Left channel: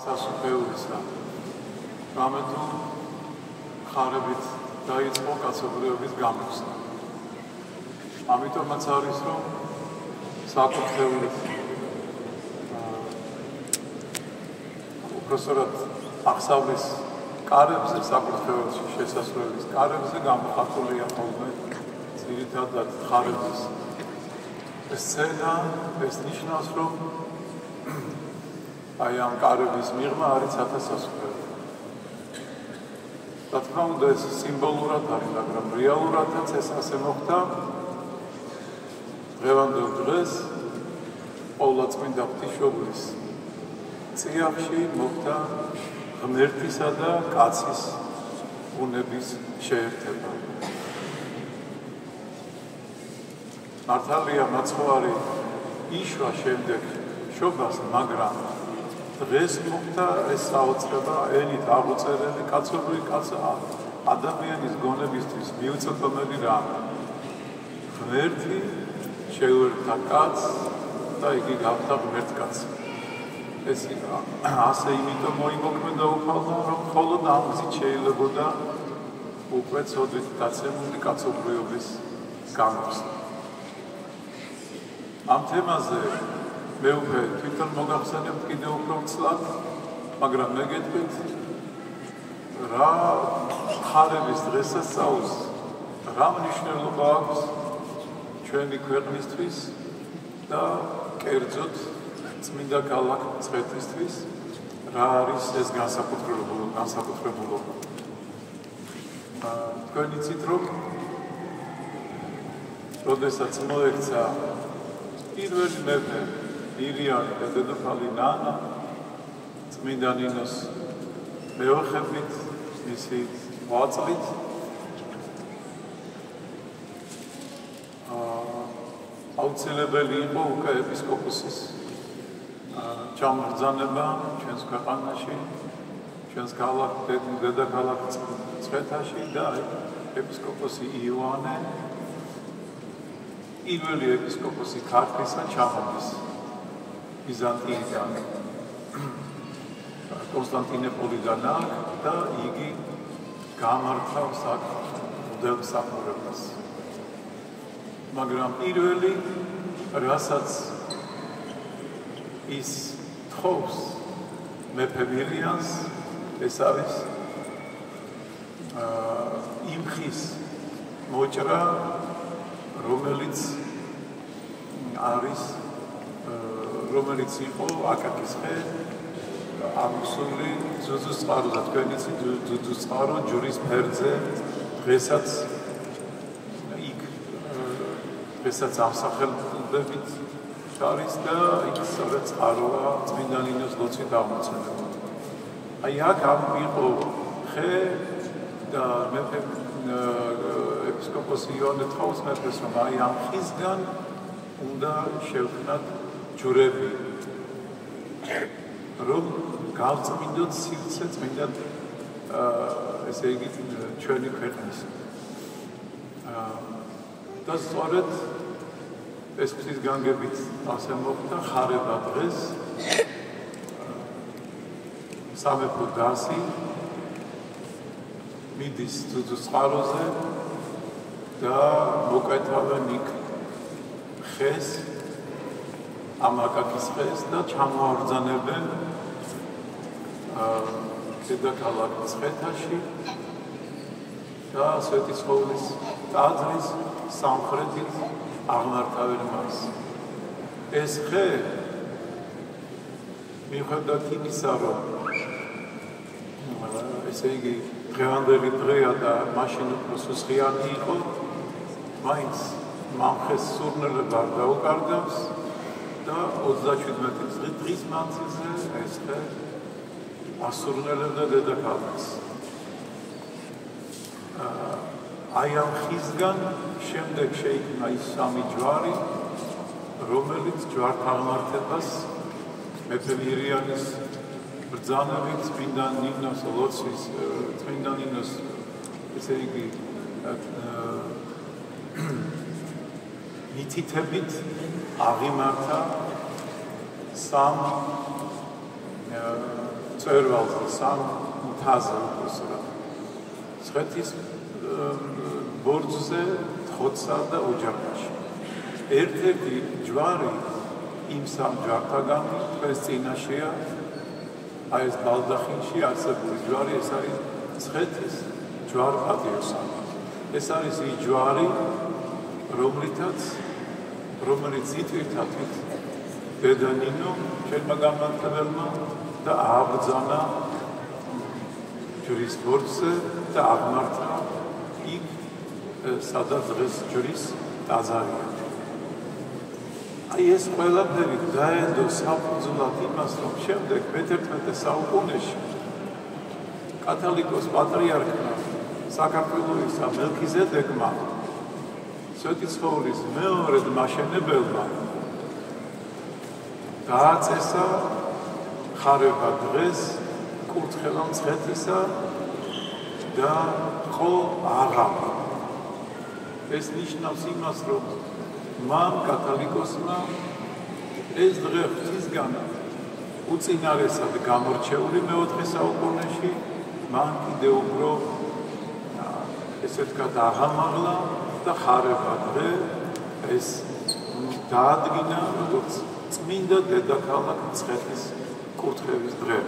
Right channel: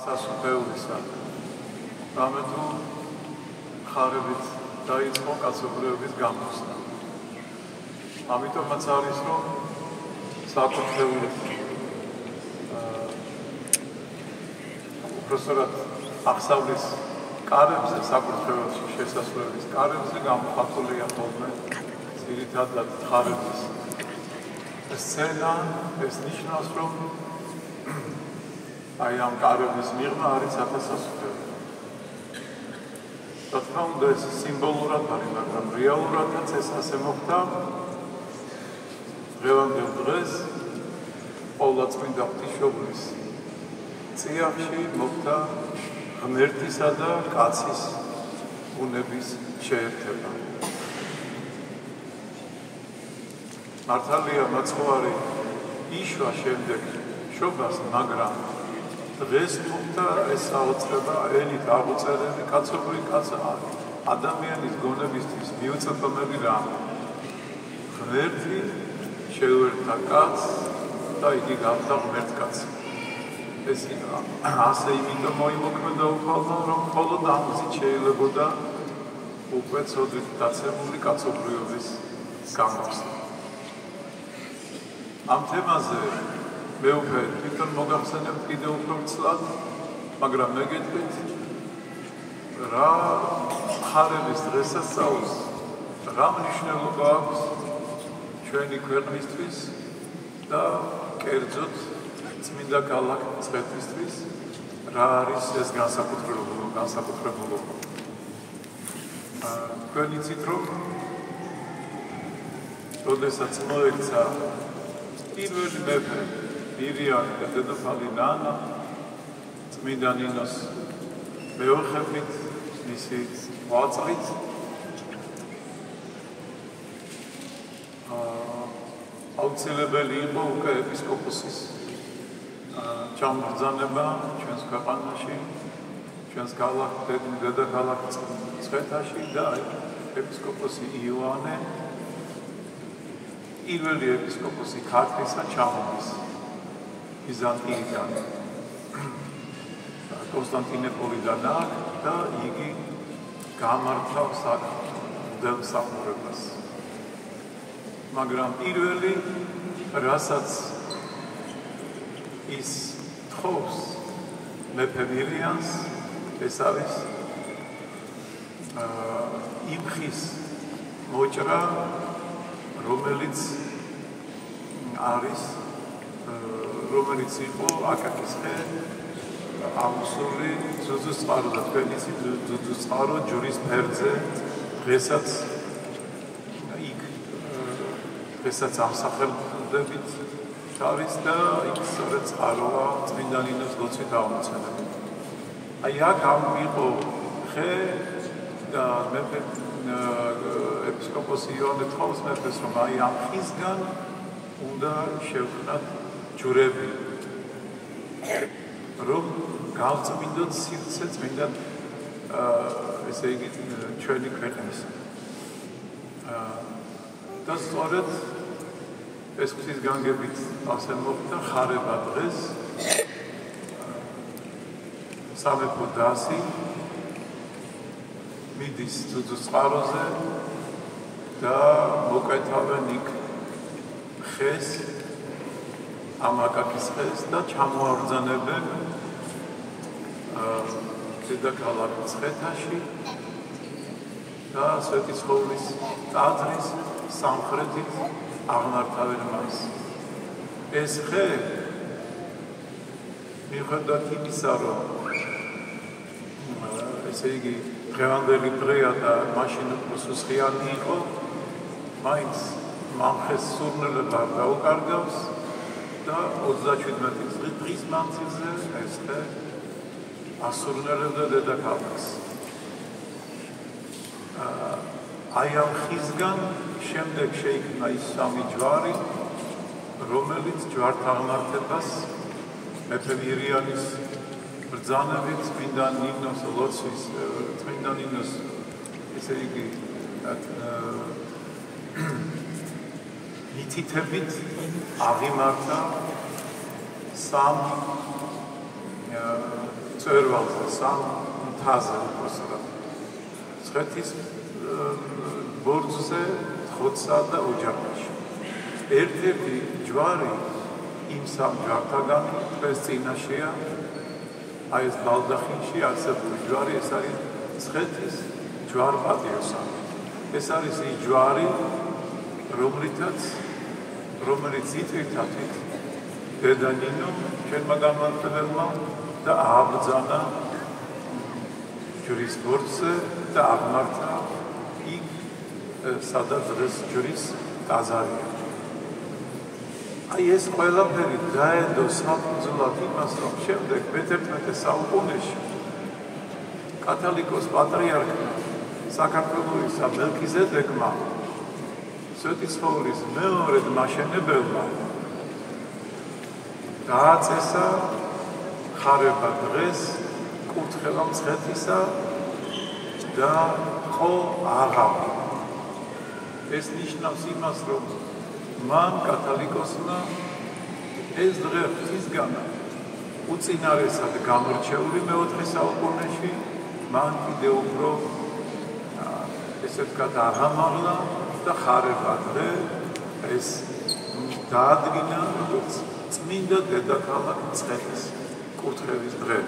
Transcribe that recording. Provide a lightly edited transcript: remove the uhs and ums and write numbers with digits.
სასუფეულისა რამეთუ ხარებით დაიწყო კაცობრიობის გამოსვლა. ამიტომაც არის რომ საკუთრებული უბრალოდ აღსავლის კარებზე საკუთრების შესასვლელის კარებზე გამოხატულია ხოლმე ძირითადად ხარების სცენა. ეს ნიშნავს რომ აი ამ კარების მიღმა არის ათასასუფევლო. რა თქმა უნდა ეს სიმბოლურად არის, მაგრამ რეალურადაც ეს ასე მოხდა. დღევანდელ დღეს ყოვლადწმინდა ღვთისმშობლის წიაღში მოხდა ღმერთისა და კაცის უნების შეერთება. მართალია მაცხოვარი იშვა შემდეგ შობას, მაგრამ დღეს მოხდა ეს საოცრება ენით აღუწერელი კაცობრიობის კაცა ადამიანის გონებისთვის მიუწვდომელი რამ. ღმერთი შეუერთდა კაცს და იგი გახდა ღმერთკაცი. ეს ასე იმიტომ მოიმოქმედა უფალმა, რომ მხოლოდ ამით შეიძლებოდა უკვე ცოდვით დაცემული კაცობრიობის გამოსვლა. ამ თემაზე მე უკვე თვითონ მოგახსენებ კიდევ უფრო ცლად, მაგრამ მე გეტყვით რა ხარების დღესასწაულს რა მნიშვნელობა აქვს ჩვენი ქვეყნისთვის და კერძოდ წმინდა ქალაქ მცხეთისთვის რა არის ეს განსაკუთრებულობა. თქვენ იცით რომ როდესაც მოექცა პირველი მეფე ირიანი და დედოფალი ნანა წმინდა ნინოს მეოხებით მისი ღვაწლით აუცილებელი იყო უკვე ეპისკოპოსის ჩამბრძანება ჩვენს ქვეყანაში, ჩვენს დედაქალაქ მცხეთაში და ეპისკოპოსი იოანე პირველი ეპისკოპოსი ქართლისა ჩამოდის ბიზანტიიდან კონსტანტინოპოლიდან და იგი გამართავს მღვდელ მსახურებას. მაგრამ პირველი რასაც ის თხოვს მეფე მირიანს, ეს არის იმხის მოჭრა, რომელიც იყო აკაკისხე ამსული ზუზუწყარო და თქვენ იცით ზუზუწყარო ჯვრის ფერზე დღესაც ამსახელდებით არის და იქ სწორედ წყაროა წმინდა ნინოს ლოცვით აღმოცენებული. აი აქ იყო ხე და მეფე ეპისკოპოსი იოანე თავს მეფეს რომ აი ამ ხისგან უნდა შევქმნათ ჯვრები, რომ გავწმინდოთ სივრცე წმინდა ესე იგი ჩვენი ქვეყნის. და სწორედ ეს ღვთის განგებით ასე მოხდა ხარება დღეს სამეფო დასი მიდის ზუზუწყაროზე და მოკვეთავენ იქ ხეს ამ აკაკის ხეს და ჩამოაბრძანებენ დედაქალაქ მცხეთაში და სვეტიცხოვლის ტაძრის სამხრეთით აღმართავენ მას. ეს ხე მიუხედავად იმისა, რომ ესე იგი დღევანდელი დღეა და მაშინ უფრო სუსხიანი იყო, მაინც მამხეს სურნელება დაუკარგავს და 37 დღის მანძილზე ეს ხე ასურნელებდა დედაქალაქს. აი ამ ხისგან შემდეგ შეიქმნა ის სამი ჯვარი, რომელიც ჯვართაღმართებას მეფე მირიანის ბრძანებით წმინდა ნინოს ლოცვის, წმინდა ნინოს ესე იგი მითითებით აღიმართა სამ მწვერვალზე, სამ მთაზე უბრალოდ. მცხეთის ბორცვზე, ხოცსა და ოჯახში. ერთ-ერთი ჯვარი იმ სამ ჯვართაგანი დღეს წინაშეა. აი ეს ბალდახინში არსებული ჯვარი, ეს არის მცხეთის ჯვარ-პატიოსანი. ეს არის ის ჯვარი, რომელიც იტვირთათვით დედა ნინო ჩვენმა განმანქებელმა და ააბრძანა ჯვრის ბორცვზე და აღმართა იქ სადაც დღეს ჯვრის ტაძარია. აი ეს ყველაფერი დაედო საფუძვლად იმას, რომ შემდეგ მე-11 საუკუნეში კათოლიკოს პატრიარქმა საქართველოსა მელქიზედეკმა სვეტიცხოვლის მეორე მაშენებელმა დააწესა ხარება დღეს კურთხევა მცხეთისა და ხო აღავი. ეს ნიშნავს იმას, რომ მან კათოლიკოსმა ეს დღე ღვთისგან უწინარესად გამორჩეული მე-4 საუკუნეში მან კიდევ უფრო ესე ვთქვათ აღამაღლა და ხარება დღე ეს დაადგინა როგორც წმინდა დედაქალაქ მცხეთის კურთხევის დღე.